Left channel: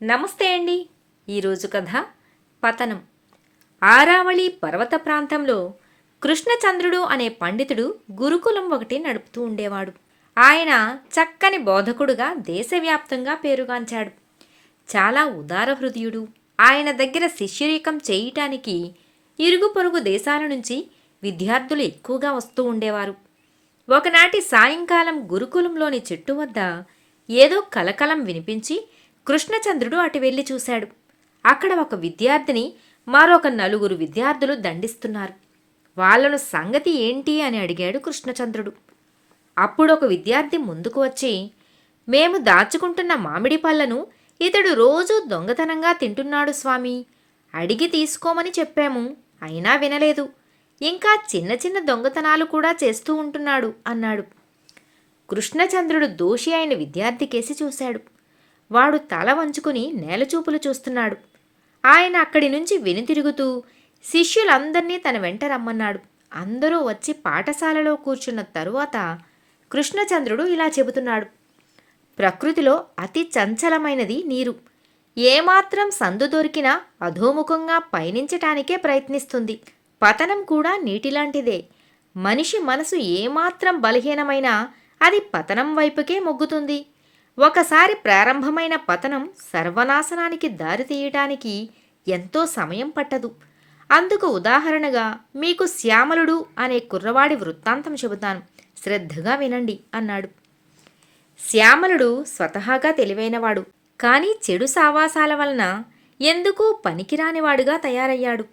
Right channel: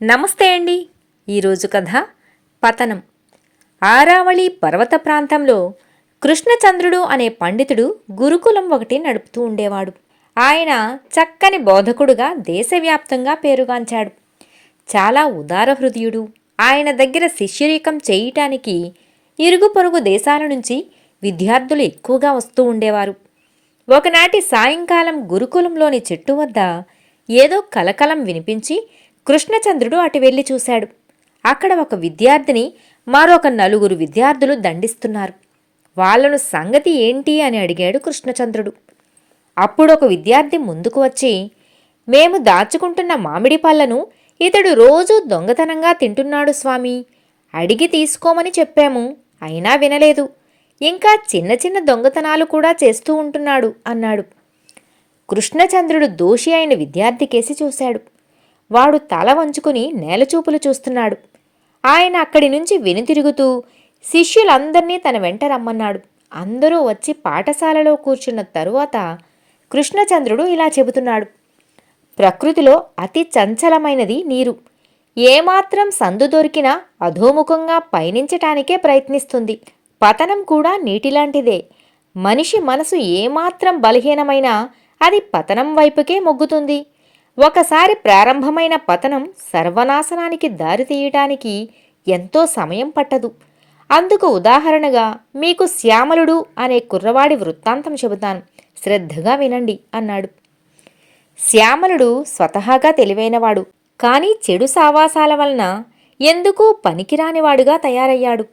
నమస్తే అండి. ఈరోజు కథ పతనం. ఆరావళి పర్వత ప్రాంతంలో కృష్ణచంద్రుడు అనే పండితుడు గురుకులం ఒకటి నడుపుతూ ఉండేవాడు. ఆయన చక్కని బోధకుడుగా దేశవ్యాప్తంగా పేరుగాంచాడు. చాలా ఉదార హృదయుడు. ఆయన దగ్గర శిష్యరికం చేయటానికి ఇరుగు పొరుగు దేశాల నుంచి విద్యార్థులు ఎక్కువగా వస్తూ ఉండేవారు. ఒకనాటి సాయంకాలం గురుకులంలోని చెట్టు వద్ద ఏదో కలకలం వినిపించి కృష్ణచంద్రుడు అటు వెళ్లి చూశాడు. అక్కడ ఒక విద్యార్థిని మరొక నలుగురు విద్యార్థులు దండిస్తున్నారు. వాళ్లను సంగతి ఏంటి అని అడిగాడు కృష్ణచంద్రుడు. అప్పుడొక విద్యార్థి ముందుకు వచ్చి, మేము దాచుకుంటున్న మామిడి పళ్లను ఇతడు రోజూ దొంగతనంగా తింటున్నాడు స్వామి. అడిగి తీసుకోమని చెప్పాము, అయినా వినలేదు. ఇంకా చిన్న చిన్న దొంగతనాలు కూడా చేస్తూ ఉంటున్నాడు అన్నాడు. కృష్ణచంద్రుడు దోషి అయిన విద్యార్థి కేసి చూశాడు. వాడు తల వంచుకుని నేలచూపులు చూస్తున్నాడు. ఆయన అక్కడి నుంచి వెనుతిరుగుతూ శిష్యులందర్నీ తన వెంట రమ్మన్నాడు. అందరూ వచ్చి పాఠశాలలో కూర్చున్న తరువాత కృష్ణచంద్రుడు ఇలా చెబుతున్నాడు. ప్రకృతిలో అతి చంచలమైనది నీరు. ఏమాత్రం సందు దొరికినా అధోముఖంగా పయనించటానికే ప్రయత్నిస్తుంది. పతనం కూడా నీటిలాంటిదే. మనిషి మనసు ఏమాత్రం బలహీనమైనా అది పతనం వైపుకే మొగ్గుతుంది. ఒకసారి ప్రారంభమైన పతనం సర్వనాశనానికి దారితీయటానికి ఎంతో సమయం పట్టదు. అందుకు ఉదాహరణగా మీకు శ్యామలుడు అనే కుర్రవాడి వృత్తాంతం చెబుతాను, శ్రద్ధగా వినండి అన్నాడు. శ్యామలుడు స్వతహాగా తెలివైనవాడు, కానీ చెడు సావాసాల వలన ఎందుకూ పనికిరానివాడుగా తయారయ్యాడు.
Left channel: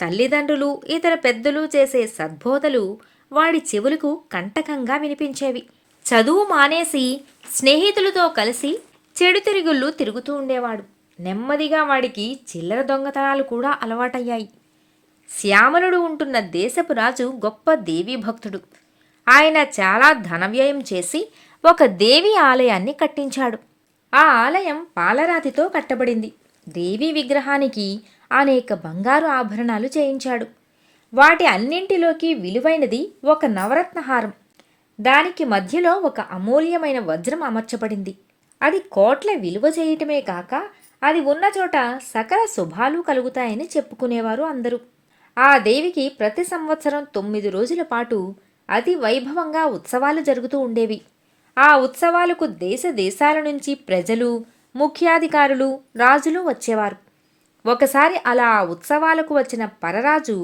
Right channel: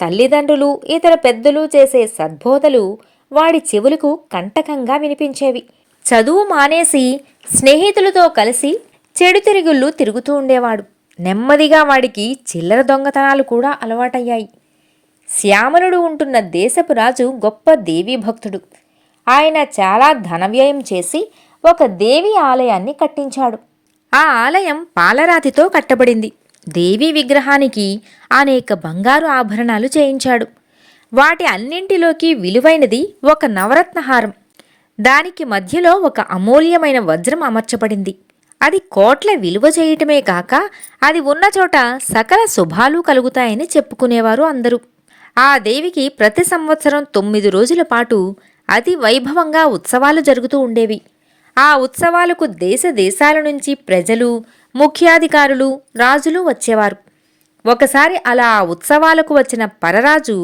తల్లిదండ్రులు ఇతర పెద్దలు చేసే సద్బోధలు వాడి చెవులకు కంటకంగా వినిపించేవి. చదువు మానేసి స్నేహితులతో కలిసి చెడు తిరుగుళ్ళు తిరుగుతూ ఉండేవాడు. నెమ్మదిగా వాడికి చిల్లర దొంగతనాలు కూడా అలవాటయ్యాయి. శ్యామలుడు ఉంటున్న దేశపు రాజు గొప్ప దేవీ భక్తుడు. ఆయన చాలా ధనవ్యయం చేసి ఒక దేవి ఆలయాన్ని కట్టించాడు. ఆ ఆలయం పాలరాతితో కట్టబడింది. దేవీ విగ్రహానికి అనేక బంగారు ఆభరణాలు చేయించాడు. వాటి అన్నింటిలోకి విలువైనది ఒక నవరత్నహారం. దానికి మధ్యలో ఒక అమూల్యమైన వజ్రం అమర్చబడింది. అది కోట్ల విలువ చేయటమే కాక అది ఉన్న చోట సకల శుభాలు కలుగుతాయని చెప్పుకునేవారు అందరూ. ఆ దేవికి ప్రతి సంవత్సరం 9 రోజుల పాటు అతి వైభవంగా ఉత్సవాలు జరుగుతూ ఉండేవి. ఆ ఉత్సవాలకు దేశ దేశాల నుంచి ప్రజలు, ముఖ్యాధికారులు, రాజులు వచ్చేవారు. ఒకసారి అలా ఆ ఉత్సవాలకు వచ్చిన పరరాజు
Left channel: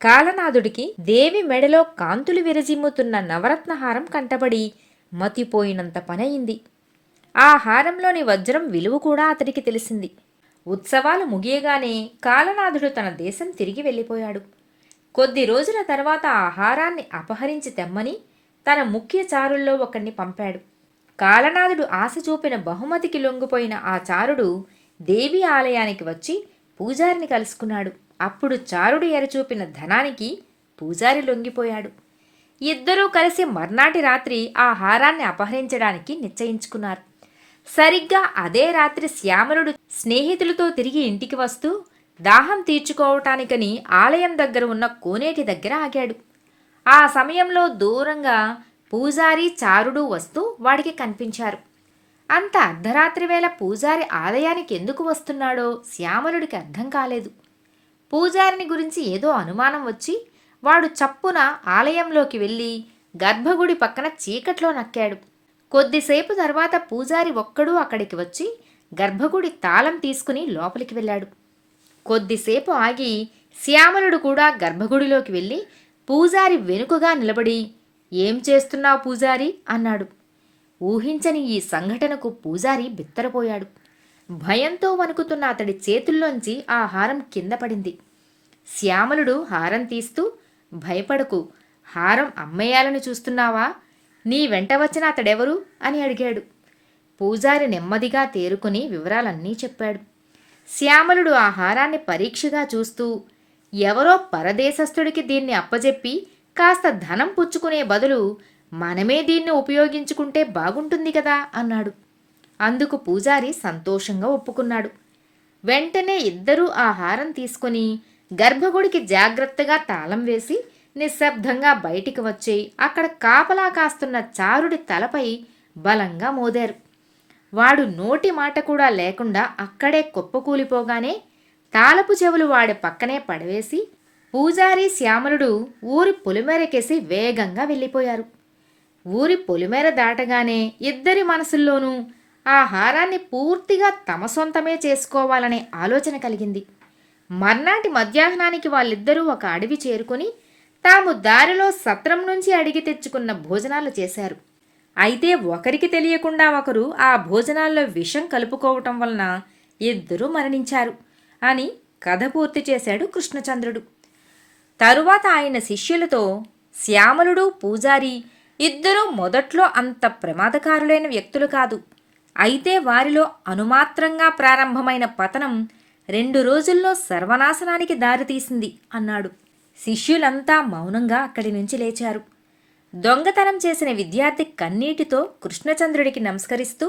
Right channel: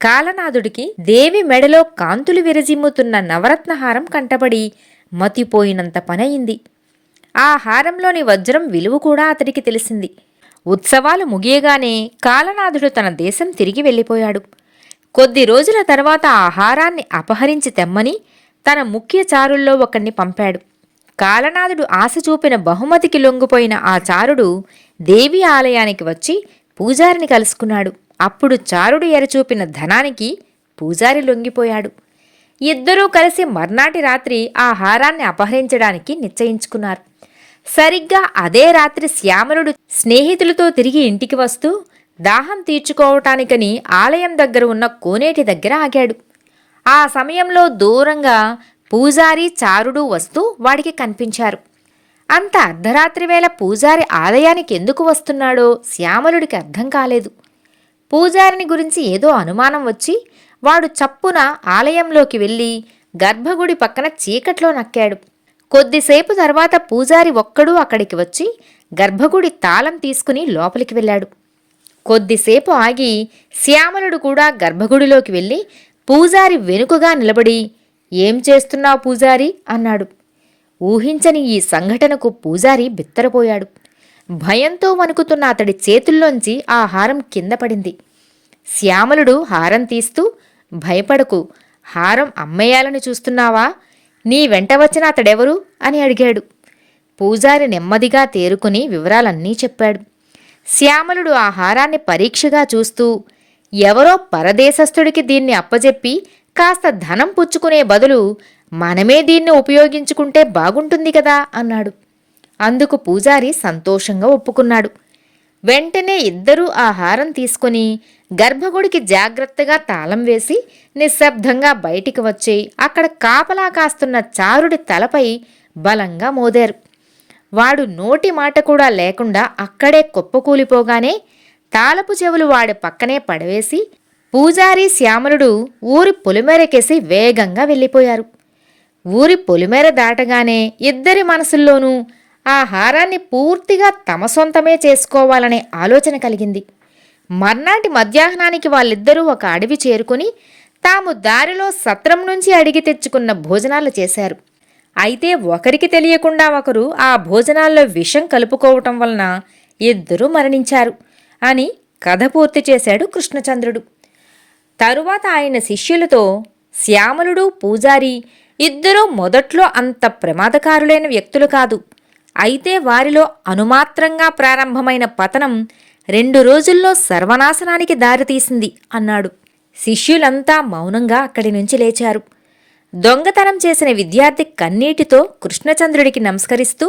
కాలనాథుడికి దేవి మెడలో కాంతులు విరజిమ్ముతున్న నవరత్నహారం కంటబడి మతిపోయినంత పనయింది. ఆ హారంలోని వజ్రం విలువ కూడా అతడికి తెలిసింది. ఉత్సవాలు ముగియగానే కాలనాథుడు తన దేశం తిరిగి వెళ్ళిపోయాడు. కొద్ది రోజుల తర్వాత ఆ హారాన్ని అపహరించి తెమ్మని తన ముఖ్య చారుల్లో ఒకణ్ణి పంపాడు. కాలనాథుడు ఆశ చూపిన బహుమతికి లొంగిపోయిన ఆ చారుడు దేవి ఆలయానికి వచ్చి పూజారిని కలుసుకున్నాడు. అప్పుడు చారుడు ఎరచూపిన ధనానికి పూజారి లొంగిపోయాడు. ఇద్దరూ కలిసి మర్నాటి రాత్రి ఆ హారాన్ని అపహరించడానికి నిశ్చయించుకున్నారు. సరిగ్గా అదే రాత్రి శ్యామలుడు స్నేహితులతో తిరిగి ఇంటికి వస్తూ దాహం తీర్చుకోవటానికని ఆలయం దగ్గర ఉన్న కోనేటి దగ్గర ఆగాడు. ఆ సమయంలో దూరంగా పూజారి చారుడు వస్తూ వాడికి కనిపించారు. అంత అర్ధరాత్రి వేళ పూజారి ఆలయానికి ఎందుకు వస్తున్నాడో శ్యామలుడికి అర్థం కాలేదు. పూజారిని గురించి ఏదో అనుమానం వచ్చి వాడు చప్పున ఆలయంలోకి వెళ్ళి గర్భగుడి పక్కన చీకట్లో నక్కాడు. కొద్దిసేపు తర్వాత పూజారి ఒక్కడూ అక్కడికి వచ్చి గర్భగుడి తాళం తీసుకుని లోపలికి వెళ్ళాడు. కొద్దిసేపు ఆగి శ్యామలుడు కూడా గర్భగుడిలోకి వెళ్ళి పూజారి వెనుకగా నిలబడి, ఏం చేస్తున్నావు పూజారి అన్నాడు. ఊహించని ఈ సంఘటనకు పూజారి బిత్తరపోయాడు. భయంతో వణుకుతున్న అతడి చేతుల్లోంచి ఆ హారం కింద పడింది. శ్యామలుడు హారం తీస్తూ, భయపడకు, హారం అమ్మేయాలని చూస్తున్నావా? నీ వెంట వచ్చిన అతడెవరు అని అడిగాడు. పూజారి నెమ్మదిగా తేరుకుని వివరాలన్నీ చెప్పాడు. శ్యామలుడు ఆ హారాన్ని పరీక్షగా చూస్తూ, ఎవరో పరదేశస్థుడికి దీన్ని అప్పజెప్పి కాస్త ధనం పుచ్చుకునే బదులు మనమే దీన్ని ఉపయోగించుకుంటే బాగుంటుంది కదా అన్నాడు. అందుకు పూజారి సంతోషంగా ఒప్పుకున్నాడు. వెంటనే ఇద్దరూ ఆ హారం తీసుకుని గర్భగుడికి జాగ్రత్తగా తాళం వేసి నిశ్శబ్దంగా బయటికి వచ్చి అక్కడ కాపలా కాస్తున్న చారుడి తలపై బలంగా మోదారు. వాడు నోటి మాట కూడా లేకుండా అక్కడే కుప్పకూలిపోగానే తాళపు చెవులు వాడి పక్కనే పడవేసి పూజారి శ్యామలుడు ఊరి పొలిమేరకేసి వేగంగా వెళ్ళిపోయారు. ఊరి పొలిమేర దాటగానే ఇద్దరి మనసుల్లోనూ ఆ హారాన్ని పూర్తిగా తమ సొంతమే చేసుకోవాలనే ఆలోచన కలిగింది. మర్నాటి మధ్యాహ్నానికి వాళ్ళిద్దరూ ఒక అడవి చేరుకుని తాము దారిలో సత్రం నుంచి అడిగి తెచ్చుకున్న భోజనాలు చేశారు. అయితే ఒకరికి తెలియకుండా ఒకరు ఆ భోజనాల్లో విషం కలుపుకోవటం వలన ఇద్దరూ మరణించారు అని కథ పూర్తి చేశాడు కృష్ణచంద్రుడు. తరువాత ఆయన శిష్యులతో, శ్యామలుడు పూజారి ఇద్దరూ మొదట్లో అంత ప్రమాదకారులైన వ్యక్తులు కాదు. అయితే వారిలో అనుమాత్రంగా ప్రారంభమైన పతనం 2 రోజుల్లో సర్వనాశనానికి దారితీసింది అన్నాడు. శిష్యులంతా మౌనంగా అక్కడి నుంచి లేచారు. దొంగతనం చేసిన విద్యార్థి కన్నీటితో కృష్ణచంద్రుడికి నమస్కరిస్తూ,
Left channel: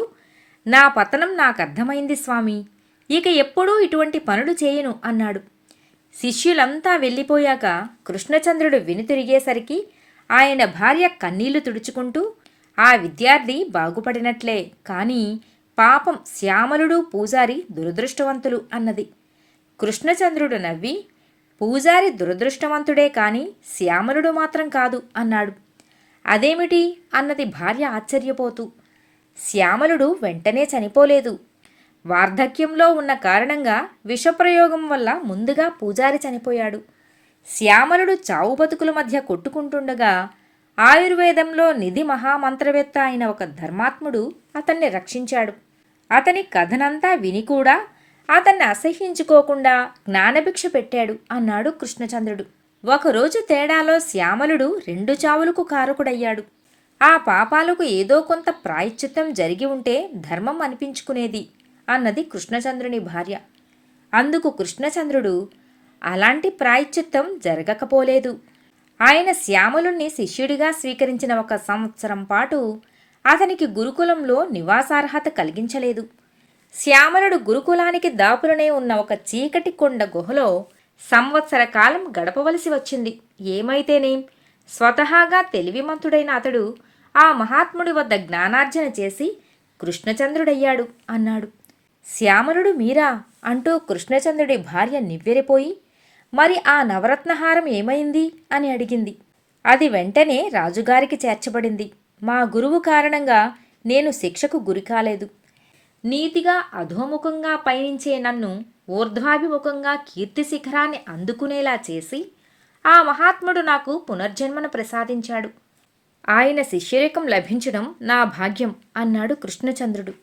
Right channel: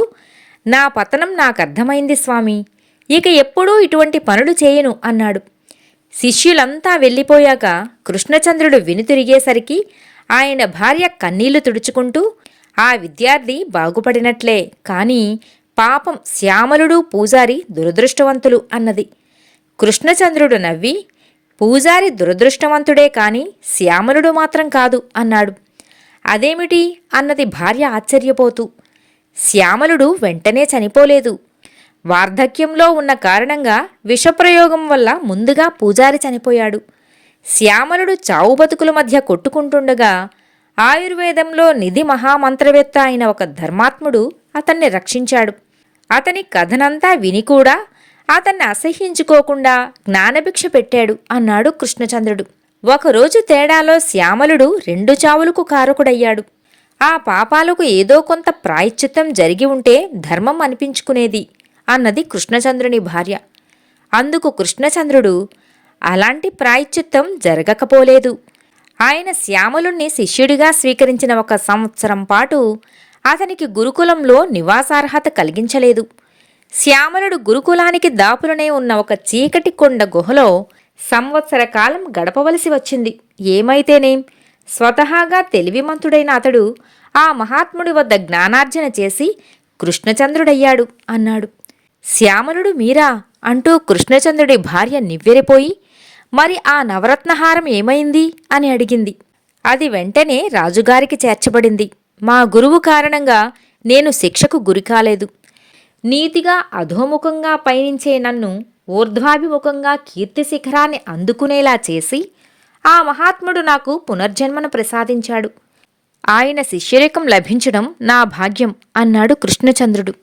నా పతనం నాకర్థమైంది స్వామి, ఇక ఎప్పుడూ ఇటువంటి పనులు చేయను అన్నాడు. శిష్యులంతా వెళ్ళిపోయాక కృష్ణచంద్రుడు వెనుతిరిగేసరికి ఆయన భార్య కన్నీళ్లు తుడుచుకుంటూ, ఆ విద్యార్థి బాగుపడినట్లే, కానీ పాపం శ్యామలుడు పూజారి దురదృష్టవంతులు అన్నది. కృష్ణచంద్రుడు నవ్వి, పూజారి దురదృష్టవంతుడే కాని శ్యామలుడు మాత్రం కాదు అన్నాడు. అదేమిటి అన్నది భార్య ఆశ్చర్యపోతూ. శ్యామలుడు వెంటనే చనిపోలేదు. వార్ధక్యంలో ఉన్న కారణంగా విషప్రయోగం వల్ల ముందుగా పూజారి చనిపోయాడు. శ్యామలుడు చావు బతుకుల మధ్య కొట్టుకుంటుండగా ఆయుర్వేదంలో నిధి మహామంత్రవేత్త అయిన ఒక ధర్మాత్ముడు అతన్ని రక్షించాడు. అతని కథనంతా విని కూడా అతన్ని అసహ్యించుకోకుండా జ్ఞానభిక్ష పెట్టాడు అన్నాడు కృష్ణచంద్రుడు. ఒకరోజు తేడాలో శ్యామలుడు 2 చావులకు కారకుడయ్యాడు. ఆ పాపాలకు ఏదో కొంత ప్రాయశ్చిత్తం జరిగి ఉంటే ధర్మం అనిపించుకునేది అన్నది కృష్ణచంద్రుని భార్య. అందుకు కృష్ణచంద్రుడు, అలాంటి ప్రాయశ్చిత్తం జరగకపోలేదు. ఆయన శ్యామలుణ్ణి శిష్యుడిగా స్వీకరించిన 1 సంవత్సరం పాటు అతనికి గురుకులంలో నివాసార్హత కలిగించలేదు. శ్యామలుడు గురుకులానికి దాపులనే ఉన్న ఒక చీకటి కొండ గుహలో సంవత్సర కాలం గడపవలసి వచ్చింది. ఏమైతేనేం, స్వతహాగా తెలివిమంతుడైన అతడు ఆ మహాత్ముడి వద్ద జ్ఞానార్జన చేసి కృష్ణచంద్రుడయ్యాడు అన్నాడు. శ్యామలుడు మీరా అంటూ కృష్ణచంద్రుడి భార్య నివ్వెరపోయి, మరి ఆ నవరత్నహారం ఏమైంది అని అడిగింది. అది వెంటనే రాజుగారికి చేర్చబడింది. మా గురువు కారణంగా నేను శిక్షకు గురికాలేదు. నీతిగా అధోముఖంగా పయనించే నన్ను ఊర్ధ్వాభిముఖంగా కీర్తి శిఖరాన్ని అందుకునేలా చేసి ఆ మహాత్ముడు నాకు పునర్జన్మను ప్రసాదించాడు. ఆయన శిష్యరికం లభించడం నా భాగ్యం అన్నాడు కృష్ణచంద్రుడు.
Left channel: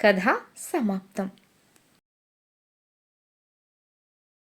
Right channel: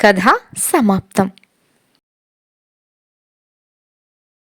కథ సమాప్తం.